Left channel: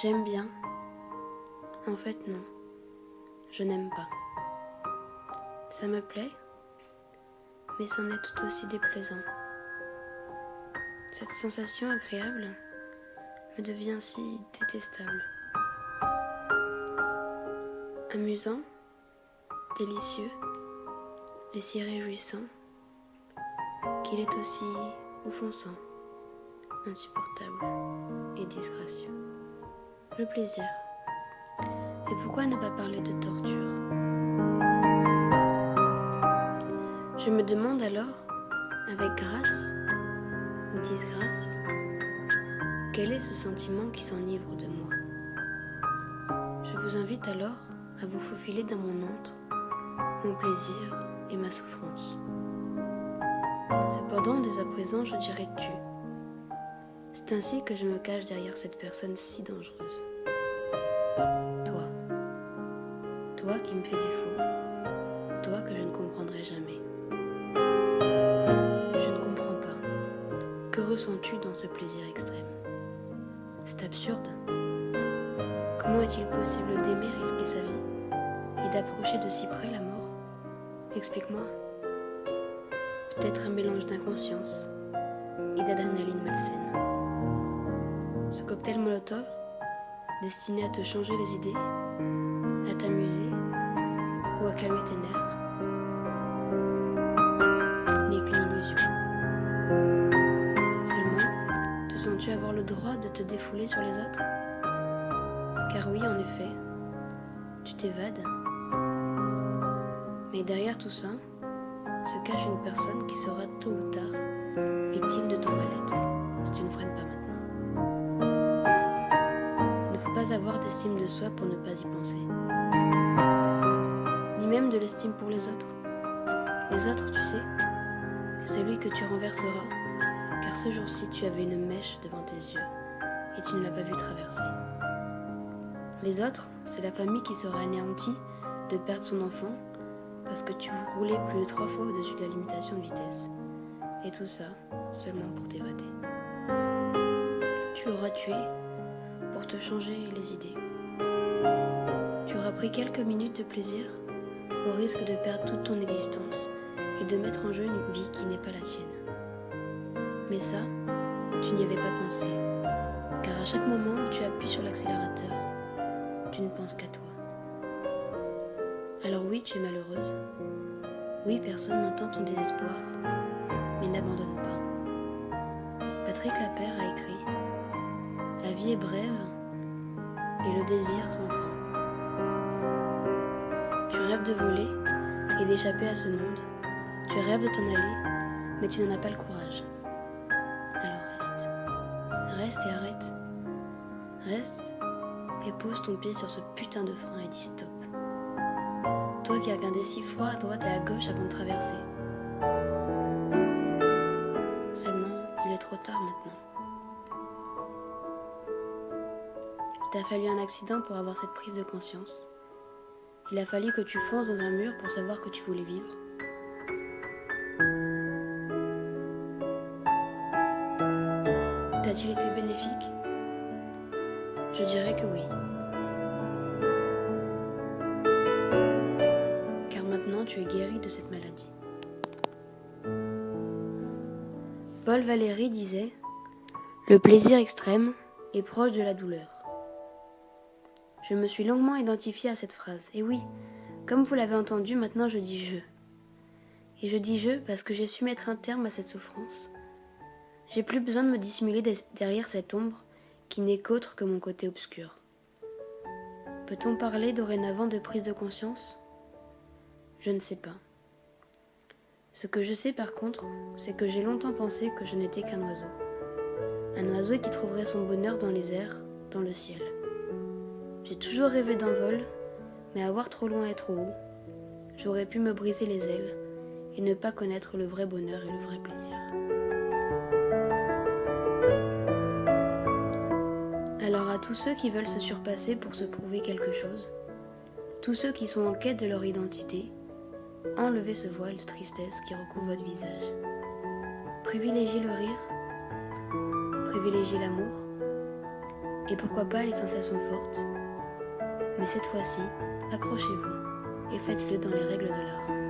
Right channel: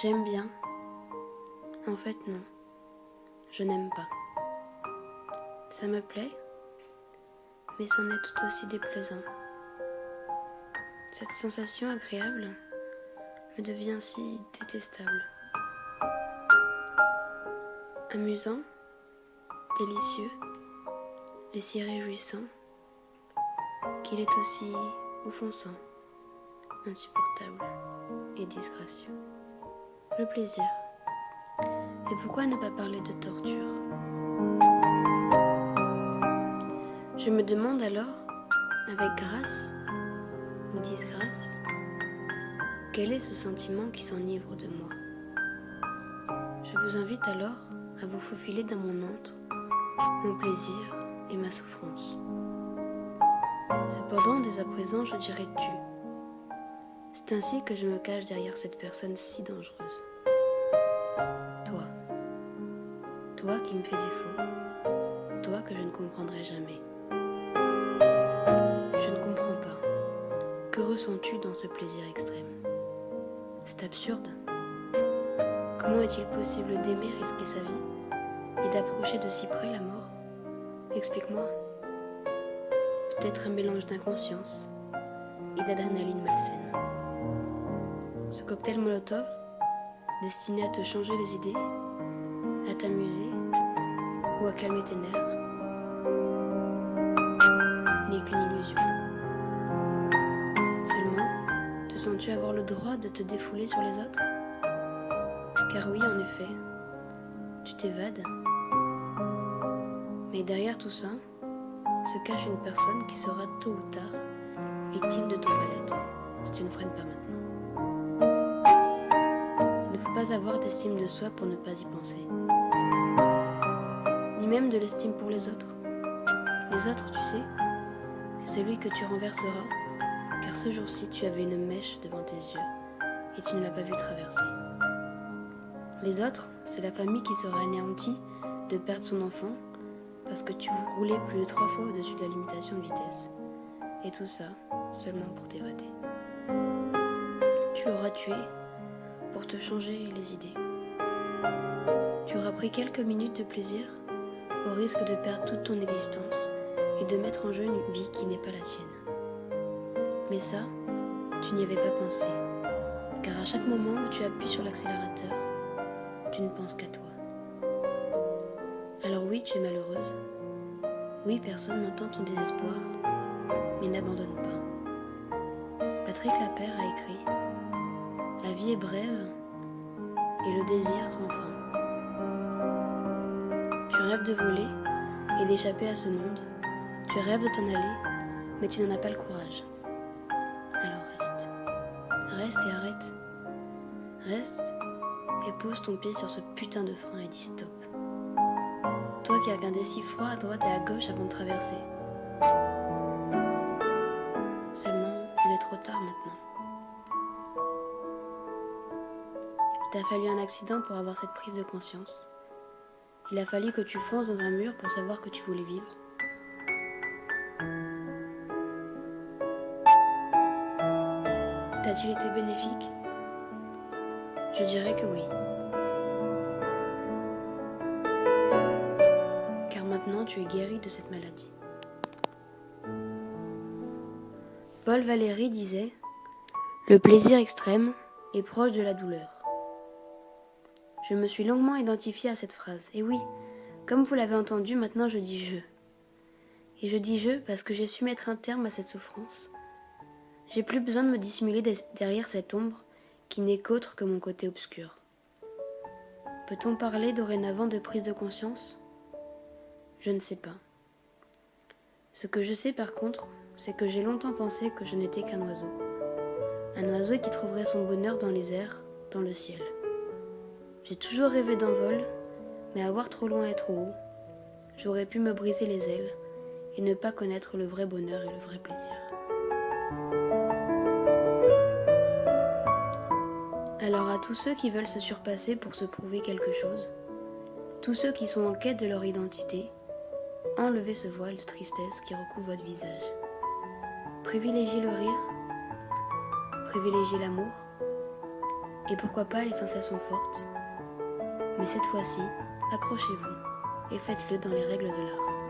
J'aime bien. En fait, non. Je n'aime pas. Ça me plaît, mais c'en est tout aussi déplaisant. Cette sensation agréable me devient si détestable. Amusant, délicieux et si réjouissant qu'il est aussi offensant, insupportable et disgracieux. Le plaisir. Et pourquoi ne pas parler de torture ? Je me demande alors, avec grâce ou disgrâce, quel est ce sentiment qui s'enivre de moi ? Je vous invite alors à vous faufiler dans mon antre, mon plaisir et ma souffrance. Cependant, dès à présent, je dirai tu. C'est ainsi que je me cache derrière cette personne si dangereuse. Toi. Toi qui me fais défaut. Toi que je ne comprendrai jamais. Je ne comprends pas. Que ressens-tu dans ce plaisir extrême ? C'est absurde. Comment est-il possible d'aimer risquer sa vie et d'approcher de si près la mort ? Explique-moi. Peut-être un mélange d'inconscience et d'adrénaline malsaine. Ce cocktail Molotov, destiné à te changer les idées, à t'amuser ou à calmer tes nerfs, n'est qu'une illusion. Seulement, te sens-tu avoir le droit de te défouler sur les autres ? Car oui, en effet, tu t'évades. Mais derrière tout ça, se cache une personne qui sera tôt ou tard victime de ton mal-être, si tu ne freines pas maintenant. Il ne faut pas avoir d'estime de soi pour ne pas y penser. Ni même de l'estime pour les autres. Les autres, tu sais, c'est celui que tu renverseras, car ce jour-ci tu avais une mèche devant tes yeux et tu ne l'as pas vu traverser. Les autres, c'est la famille qui sera anéantie de perdre son enfant parce que tu vous roulez plus de 3 fois au-dessus de la limitation de vitesse. Et tout ça, seulement pour t'évader. Tu l'auras tué pour te changer les idées. Tu auras pris quelques minutes de plaisir au risque de perdre toute ton existence et de mettre en jeu une vie qui n'est pas la tienne. Mais ça, tu n'y avais pas pensé, car à chaque moment où tu appuies sur l'accélérateur, tu ne penses qu'à toi. Alors oui, tu es malheureuse. Oui, personne n'entend ton désespoir, mais n'abandonne pas. Patrick Lapère a écrit « La vie est brève et le désir sans fin. Tu rêves de voler et d'échapper à ce monde. Tu rêves de t'en aller, mais tu n'en as pas le courage. Alors reste. Reste et arrête. Reste et pose ton pied sur ce putain de frein et dis stop. Toi qui as regardé si froid à droite et à gauche avant de traverser. Seulement, il est trop tard maintenant. Il t'a fallu un accident pour avoir cette prise de conscience. Il a fallu que tu fonces dans un mur pour savoir que tu voulais vivre. T'a-t-il été bénéfique ? Je dirais que oui. Car maintenant tu es guéri de cette maladie. Paul Valéry disait « Le plaisir extrême est proche de la douleur ». Je me suis longuement identifiée à cette phrase. Et oui, comme vous l'avez entendu, maintenant je dis « je ». Et je dis « je » parce que j'ai su mettre un terme à cette souffrance. J'ai plus besoin de me dissimuler derrière cette ombre qui n'est qu'autre que mon côté obscur. Peut-on parler dorénavant de prise de conscience ? Je ne sais pas. Ce que je sais par contre, c'est que j'ai longtemps pensé que je n'étais qu'un oiseau. Un oiseau qui trouverait son bonheur dans les airs, dans le ciel. J'ai toujours rêvé d'un vol, mais à voir trop loin et trop haut, j'aurais pu me briser les ailes et ne pas connaître le vrai bonheur et le vrai plaisir. Alors à tous ceux qui veulent se surpasser pour se prouver quelque chose, tous ceux qui sont en quête de leur identité, enlevez ce voile de tristesse qui recouvre votre visage. Privilégiez le rire, privilégiez l'amour et pourquoi pas les sensations fortes. Mais cette fois-ci, accrochez-vous et faites-le dans les règles de l'art.